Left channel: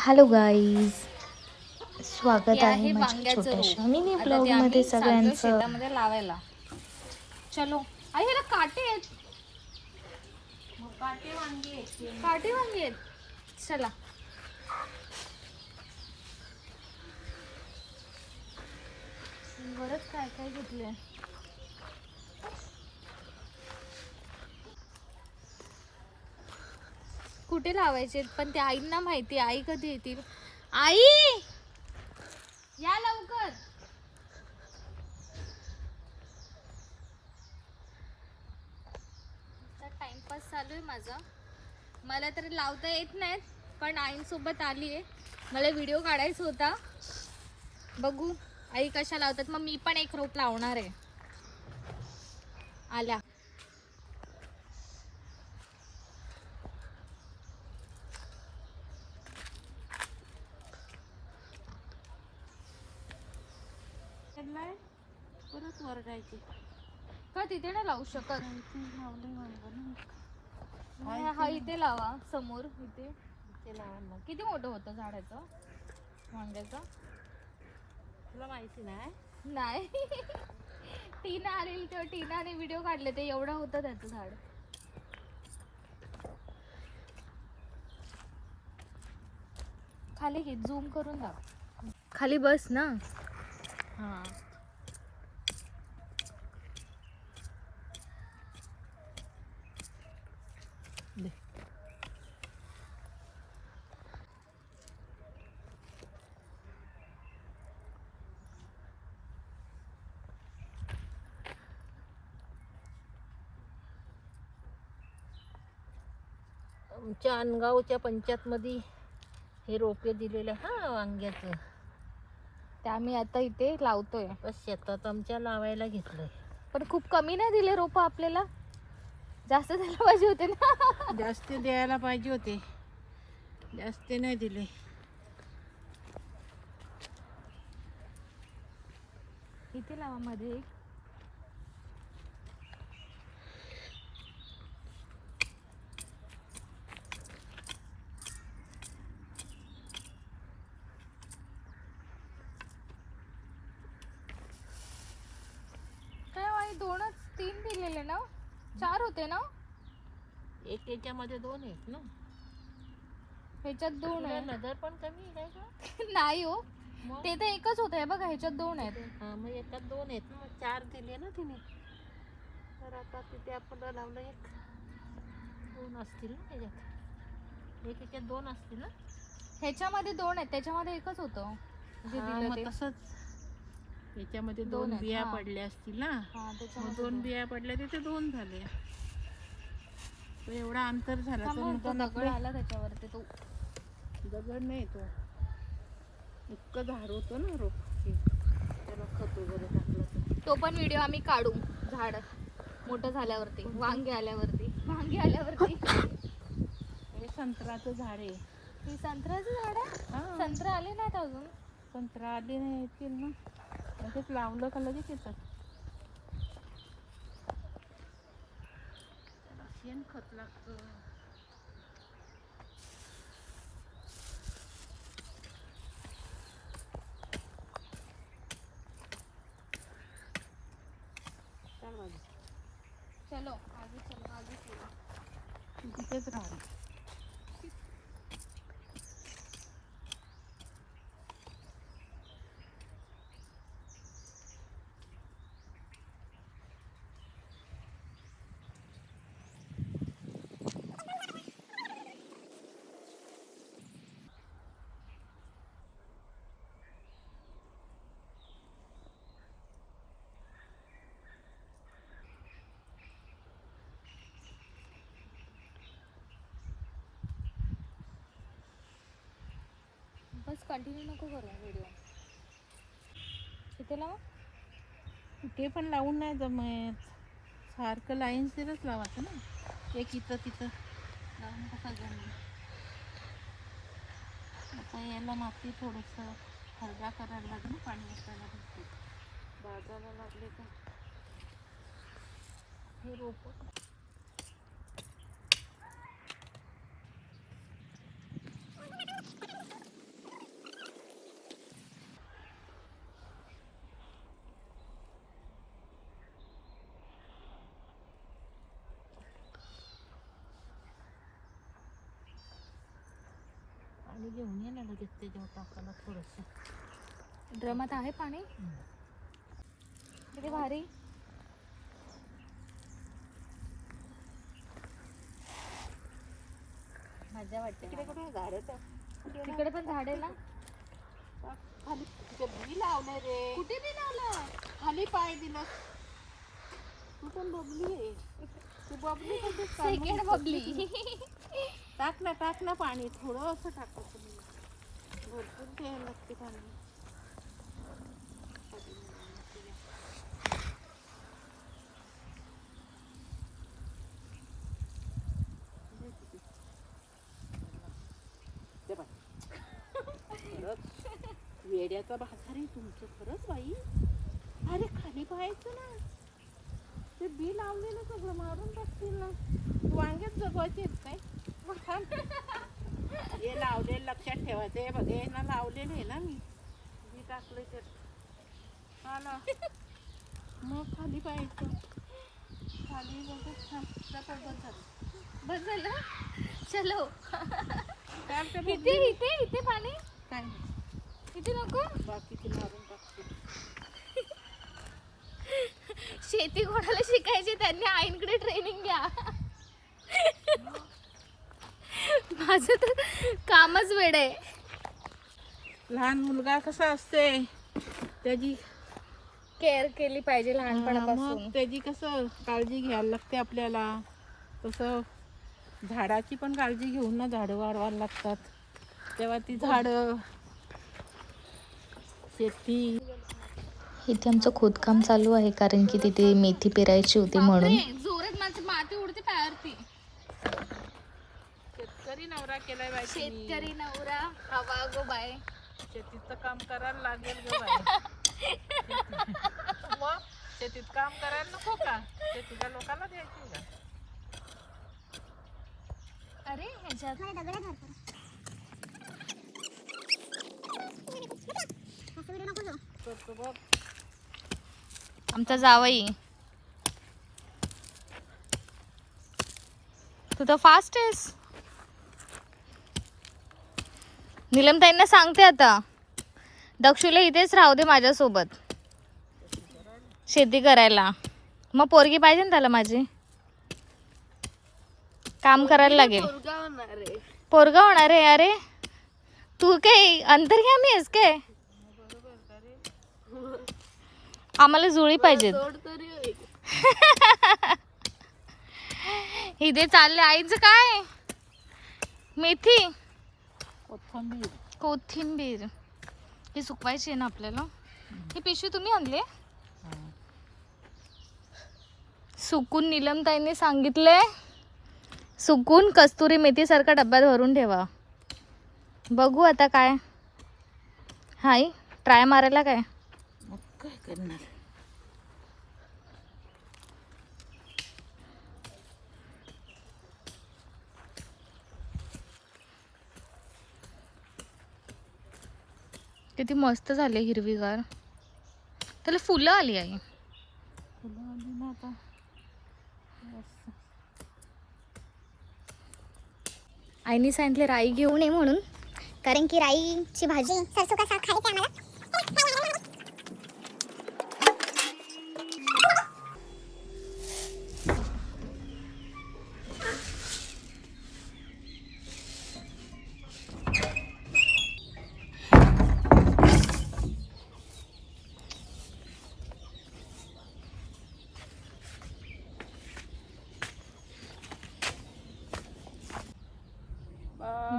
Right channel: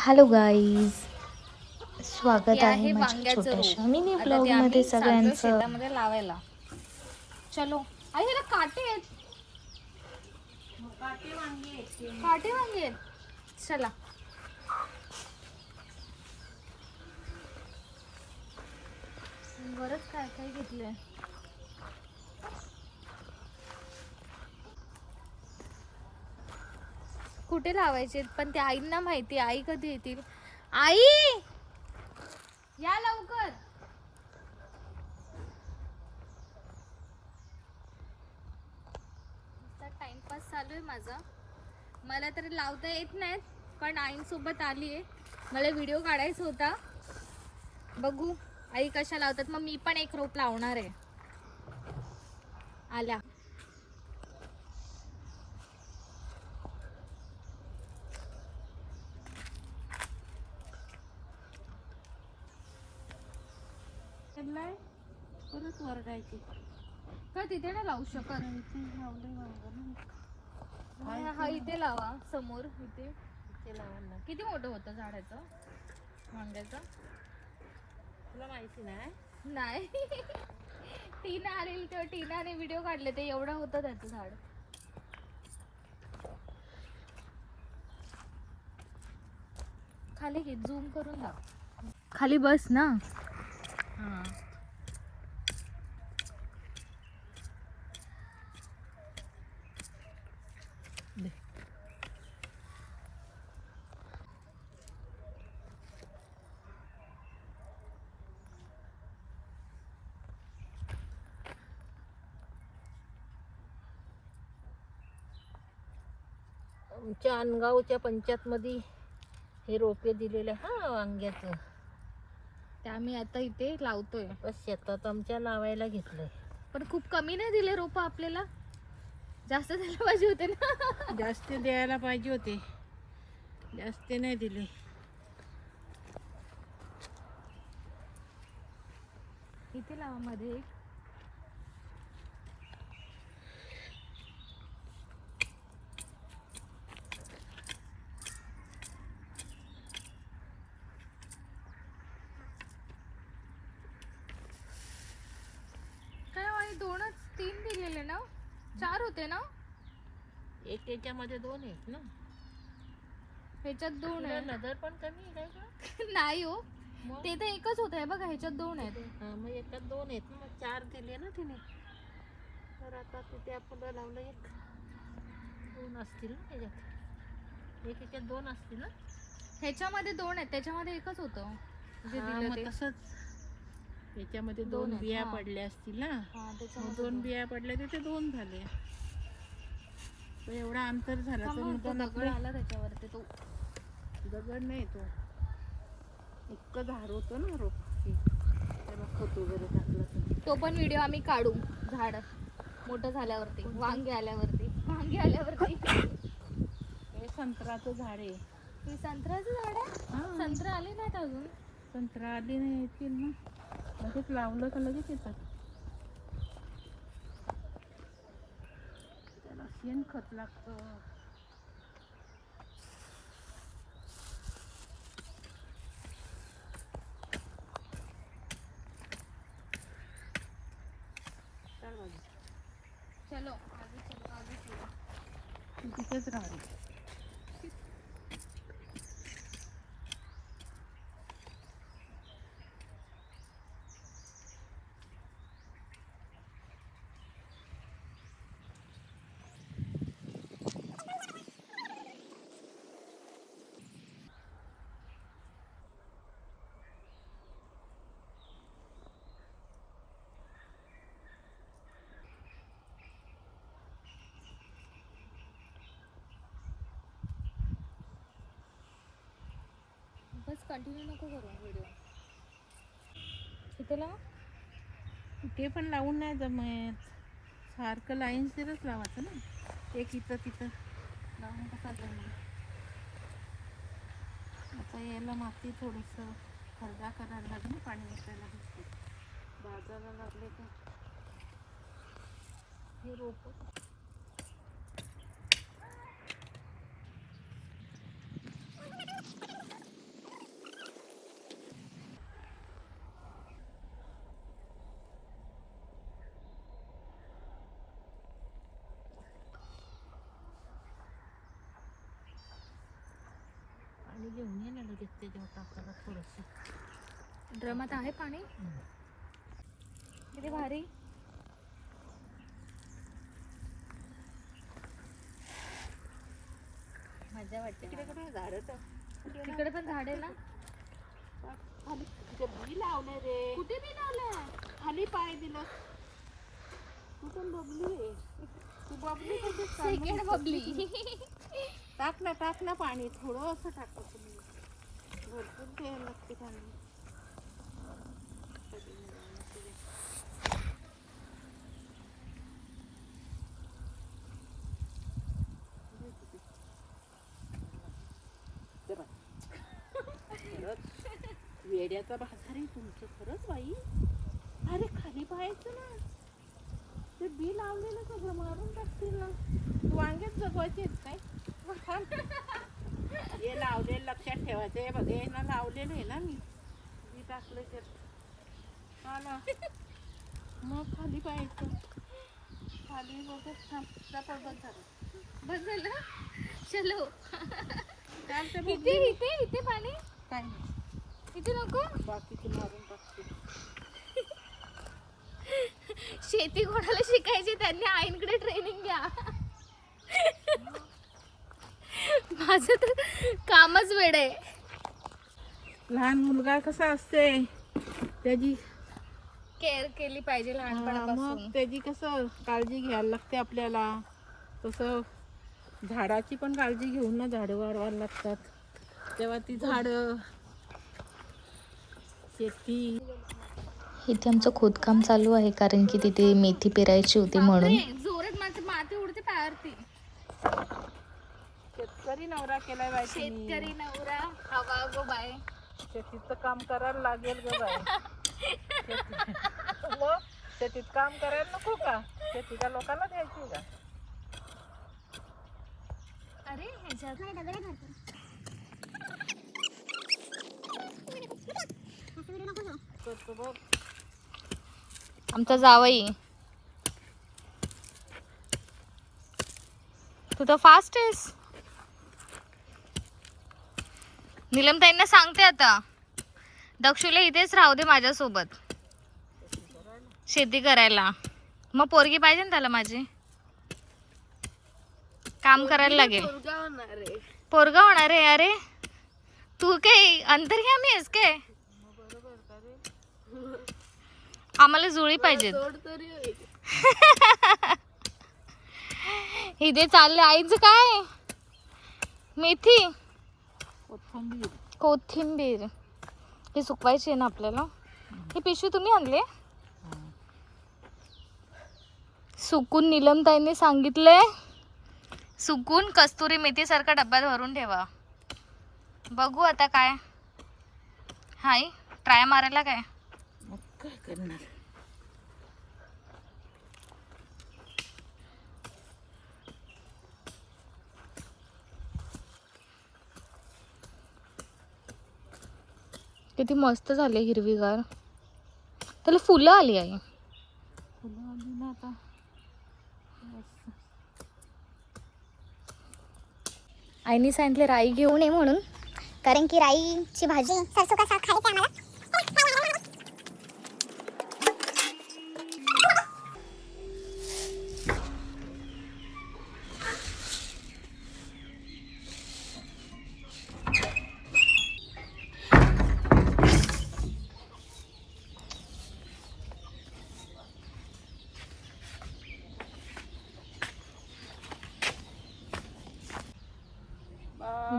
Hello guys, स्वागत हे आहे आहे माझ्या वांग्याचं छोट्याशा रोप. मिनी आता ते ब्लॉगमध्ये आम्ही चाललोय सगळ्यांचं. शेतामध्ये लावायला. चलो. आई ह्याला काटे आहेत. काटे वांगे आहेत. चला. बरंच काय काय घेतलंय. कुठे लावायचे पण ते आईंना माहिती. आई कधी येतील. आई या लवकर. टाइमपास चालू आहे माझा. मला तरी लावता येत नाहीत पण आईंसोबत आली आहे. मला व्हिडिओ काढायचा होता. बघू आई कशा लावतात. मग मी पण एक रोप लावणार आहे. आल्या. परत वरडायची का तिथे नाही लावू शकत. हा इथे लावा समोर. इथे किती मोठं होतं झाडाचं वांग्याचं तुला माहिती नाही. नाही. टीना आलेली तेव्हा टीनाने व्हिडिओ काढले ते एवढं होतं त्याचं झाड. खाली घे झूम करून दाव. खाली बस ना. हा आमच्या अनगावच्या पंचायतमध्ये हे रोपे दिलेले हा वांग्याचं. ते आम्ही आता इथे लावतोय. बस शेतात आमच्या लावायला घेतलंय. पण खूप कमी नाही दिले रोप आपल्याला. जास्त द्यायला पाहिजे होते ना. जास्त द्यायला पाहिजे होते. जास्त नाही दिले. इथे लावा मध्ये एक. काय दोनच 3 दिलेले ना. 4 होते ना. एक याच्यामध्ये 2 आहेत ना. ह्याच्यात 2 आहे. नजर पण कमी आहे का. नाही हो. ते तर एकच होत आहे बघा. ह्याच्यात 2 आहेत. हा मग एकात 2 आहेत ना. मग 4 दिले ना तिने. तर आता तिथे आपण लावलं 1 2 असतील ना त्याच्यात. एक याच्यात 2 असतील ना. ह्याच्यामध्ये 2 आहेत. त्याच्यामध्ये एकच होतं जे दिलं ते. तसंच याच्यामध्ये 2 बिया पडल्या असतील ना. मग 2 बिया पडल्या तिथे 2 झाले. तो एवढा अंतर झाला तर दगड आला त्याच्यावरती. तो दगड नाही, तो इतकं झाड होतं ना रोप. त्याला खत वगैरे टाकलं. तो पण व्हिडिओ आम्ही काढू. झाड मोठं झाल्यावरती. वांगे आल्यावरती. हे संत्र्याचं झाड आहे. हे संत्र्याचं झाड आहे. संत्र आले नाहीत अजून. संत्रा आली नाही येतील ना. लगेच लावलं का लगेच येतात. शेण खत लागतं. चलो आगे चलो. तिथेच राहू. बस कंटिन्यू नको करू व्हिडिओ. इथे लाव. कुठे पण लावून नाही जमत. सारखं लाईन्सवरच लावायचं ना. एक इथं तिथं लावून कसा जमेल. आता याला माती थोडंसं खरडा करायला लागलं. पाणी वाटायला बसते. बाजाला लागले का हे रोप. पाणी घेऊन ये ना लगेच त्याच्यावर टाकायला थोडंसं. ड्रमात आहे पाणी. किती भारी. मजा वाटते. तिकडे कुठे झाडं तर तिकडे पण झाड आहे ना. खाली तिथे बी लावले रे. कुठे बी लावलं. खाली पाय दिलं. तू पण बबली आहे. तू बबली कशी सेकंड बबली. टाक ना पाणी थोडं असं टाकायचं. भरपूर द्यायला लागते पाणी. खरंच वेड्याचा भाषा रे तुमचं. खरंच बाई. अरे खाली पाहायचं ना. ते बी लावलेलं सगळं मारून टाकतील ना. तू वांग्यात जगवायचे आहेत काय. हे लावलेलं लक्षात ठेवायचं. हे बघ ना लावलेलं आहे ना मी. बी टाकले ते आला मग खाली पाहायचं. खाली बघत थांब झालं. बस झालं. चलो. चालतं इथे इथे इथे पाणी. काय नाही. इथे नको. बाकीचे मारून टाकते. शेती कोणाला शिकायची त्यांनी आईंकडे ट्रेनिंग घ्या. माझं तर कामच वेड आहे. लहान मुलगा कसा असते त्याची केअर केली पाहिजे लहानपणापासून. मग त्याची कसं काळजी घ्यायला लागते आपल्याला. तसं झाडाची पण काळजी घेऊन ना झाडं वाढवायला लागतात. तेव्हा ती झाडं शेती. इथे आमचं खोदकाम चालू आहे कारण की तिथे मेथी पेरायची होती म्हणून. बापरे, जोरात माझी माती उडते पायावरती. शेतकरी नवरा केलाय बाई. शेतकरी नवरा हवा गो बाय. शेतीचं काम करायला लागेल ग बाई. मग शेतीत काम करायला नको का. शेती का लोकांना द्यायची का. अरे ह्याच्यात करतो बघ. आमचा जावई. तू तर फास्ट आहेस. नीलमताईंना सांगते आता दक्षूला इथेच राहू दे माझ्यासोबत शेती करायला. मग पोरगी पाहिजे ना त्याला माझी. काम करायला लागेल. पोरगा होणार आहे. अरे तू काय अंतर्यामी आहेस काय. आम्हाला जुळी पाहिजेत. इथे चालले आईचं काय. मेथी कोथिंबीर ही सुकवायची आहे ना आपल्याला. ही पिशवी तुम्ही आणले. सुकून नीलमताईने सांगितले सुकून कस्तुरी मेथी सारखा डब्यात भरून ठेवा. बघू आता काय. हाय ट्राय मारायला काय. मग काय करणार. किती मस्त झाले हिरवीगार. त्याला फुलं आली आहे. फुलं आली ना आता. आईने सांगितले राई घेऊन ये म्हणून कारण की राईची भाजी सरसो का साग खायची आम्हाला.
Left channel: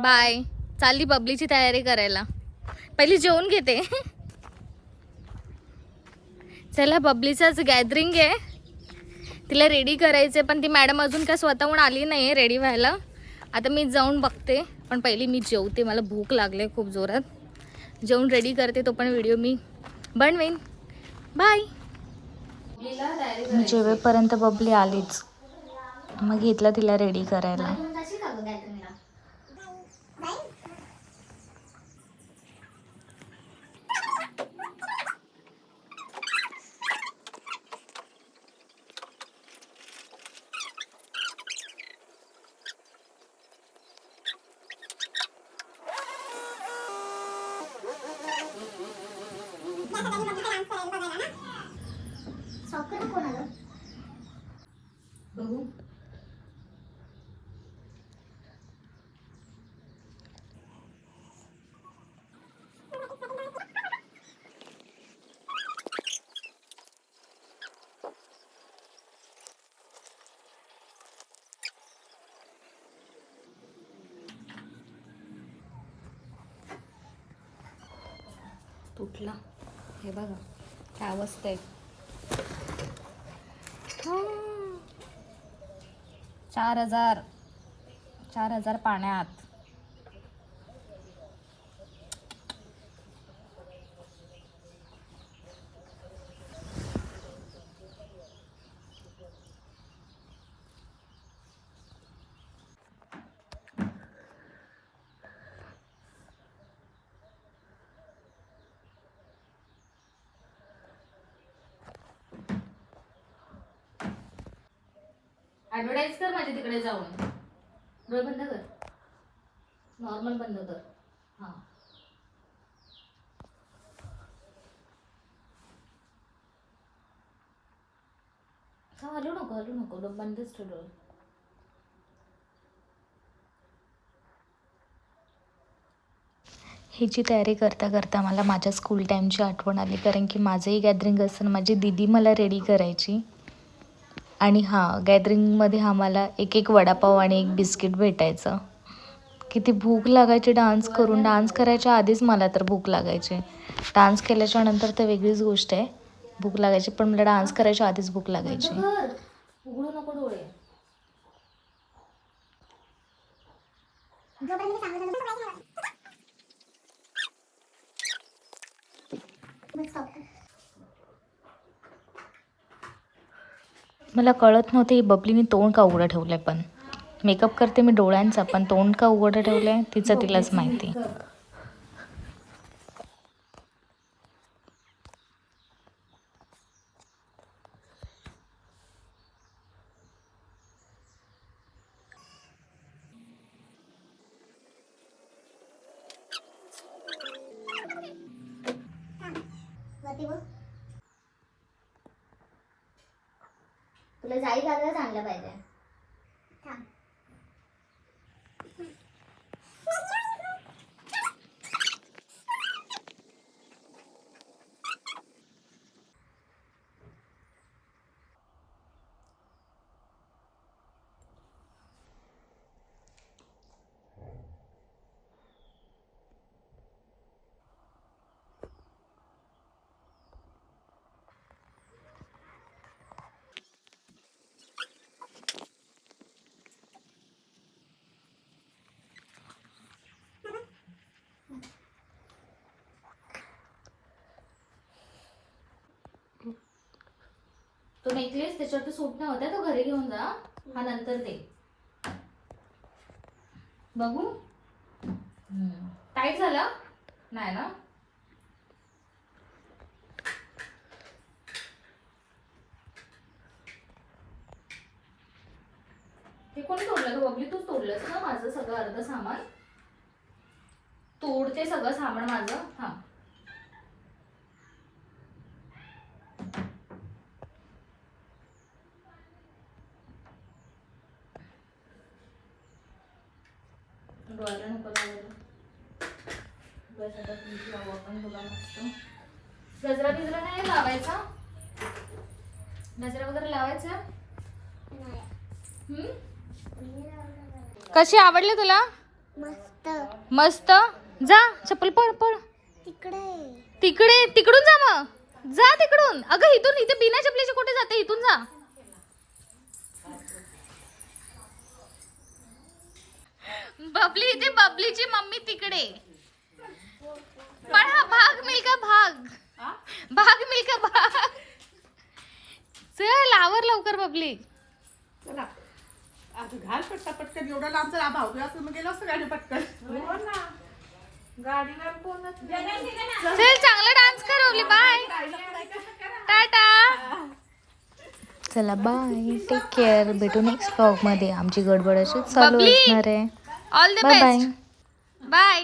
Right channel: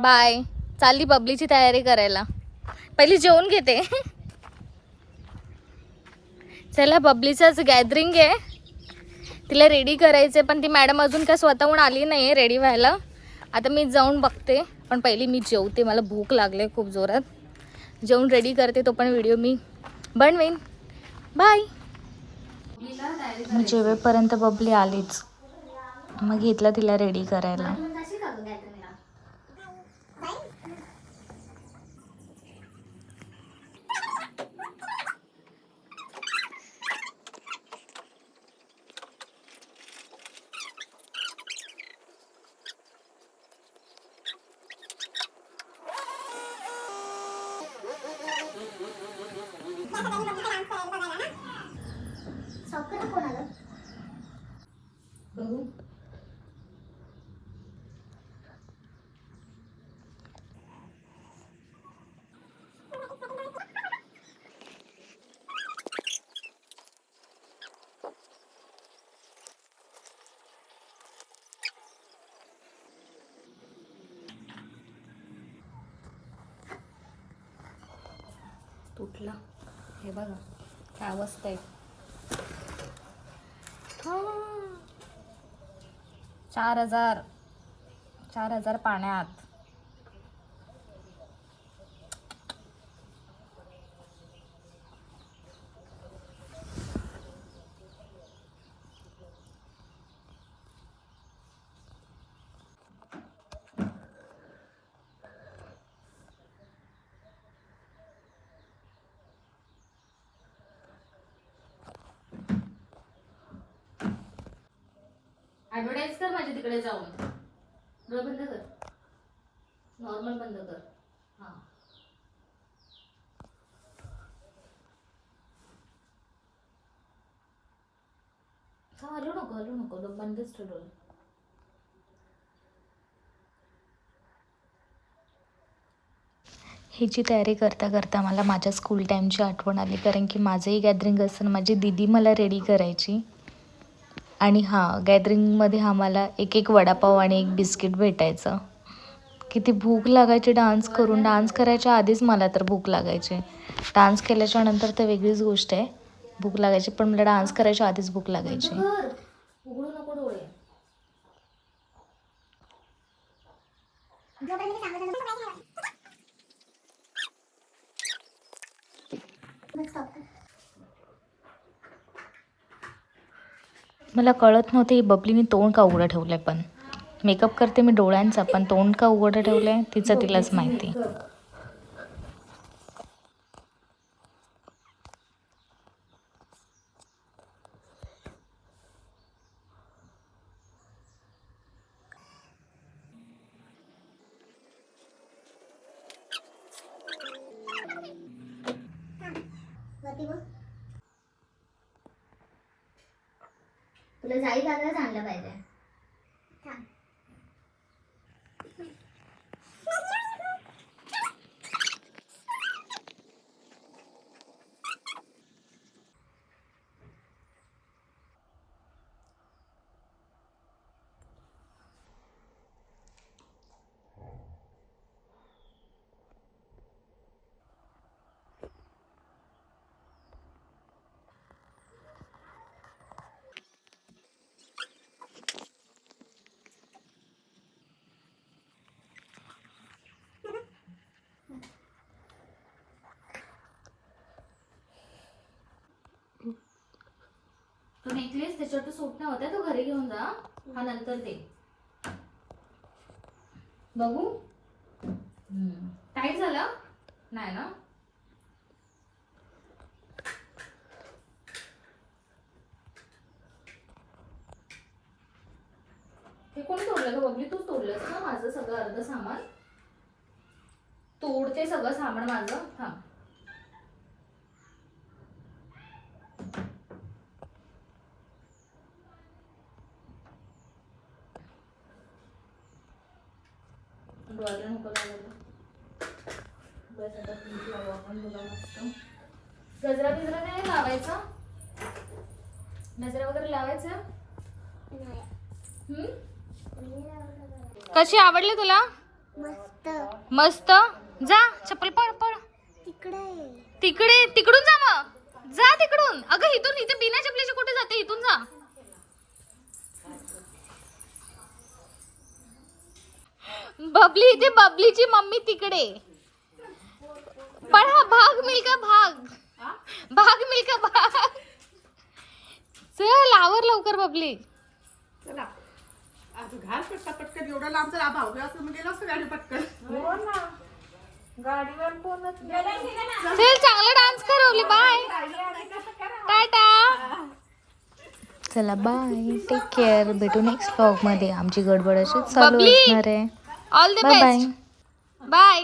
बाय. चालली बबलीची तयारी करायला. पहिली जेवून घेते. चला बबलीचंच गॅदरिंग आहे. तिला रेडी करायचं पण ती मॅडम अजून काय स्वतःहून आली नाही आहे रेडी व्हायला. आता मी जाऊन बघते पण पहिली मी जेवते. मला भूक लागले खूप जोरात. जेवून रेडी करते तो पण व्हिडिओ मी बनवेन. बाय. मी जेवेपर्यंत बबली आलीच. मग घेतलं तिला रेडी करायला. सॉकर कोण आलं? बघू. तुटला. हे बघा काय अवस्था आहे. 4,000 पाण्यात. ऍडव्हर्टाईज कर माझी तिकडे जाऊन. डोळे बंद कर. नॉर्मल बंद कर. हां. हलू नको बंदच ठेव डोळे. ह्याची तयारी करता करता मला माझ्या स्कूल टाईमची आठवण आली, कारण की माझंही गॅदरिंग असताना माझी दीदी मला रेडी करायची. आणि हां, गॅदरिंगमध्ये आम्हाला एक वडापाव आणि एक बिस्किट भेटायचं. किती भूक लागायची डान्स करून. डान्स करायच्या आधीच मला तर भूक लागायची. डान्स केल्याच्या नंतर तर वेगळीच गोष्ट आहे, भूक लागायची, पण मला डान्स करायच्या आधीच भूक लागायची. उघडू नको डोळे. मला कळत नव्हतं ही बबलीने तोंड का उघडं ठेवलं आहे. पण मेकअप करते मी डोळ्यांचा, पण तोंड का उघडं ठेवलं आहे तिचं तिलाच माहिती. तुला जाई लागलाच आणलं पाहिजे. तो नेकलेस त्याच्यावर सूट नाही होता, तो घरी घेऊन जा. हा नंतर दे. बघू. टाईट झाला नाही ना? हे कोणी तोडलं ग बबली? तूच तोडलंस ना माझं सगळं अर्ध सामान. तोडते सगळं सामान माझं. हा डोळ्याला नको लावायला. डोळ्यासाठी मीठ लावू आपण तुला मस्त. गजरा बिजरा नाही लावायचा? गजरा वगैरे लावायचा? कशी आवडली तुला? मस्त मस्त. जा चप्पल पड पड. तिकडून जा मग. जा तिकडून. अगं इथून, इथे बिना चपलीचे कुठे जाते? इथून जा. बबली इथे, बबलीची मम्मी तिकडे. पण हा भाग मिल्का भाग. भाग मिल्का भाग. चल आवर लवकर बबली. चला आता घाल पटकन. एवढं लांब चला. भाऊ असं मग गेलं असतं गाडी पटकन. हो ना, गाडीवर कोणच चल चांगला डान्स कर बबली. बाय टाटा. चला बाय, टेक केअर. भेटू नेक्स्ट व्लॉगमध्ये. आमची गडबड अशीच चालू बबली, असणार आहे. All the bye bye. Best. Bye.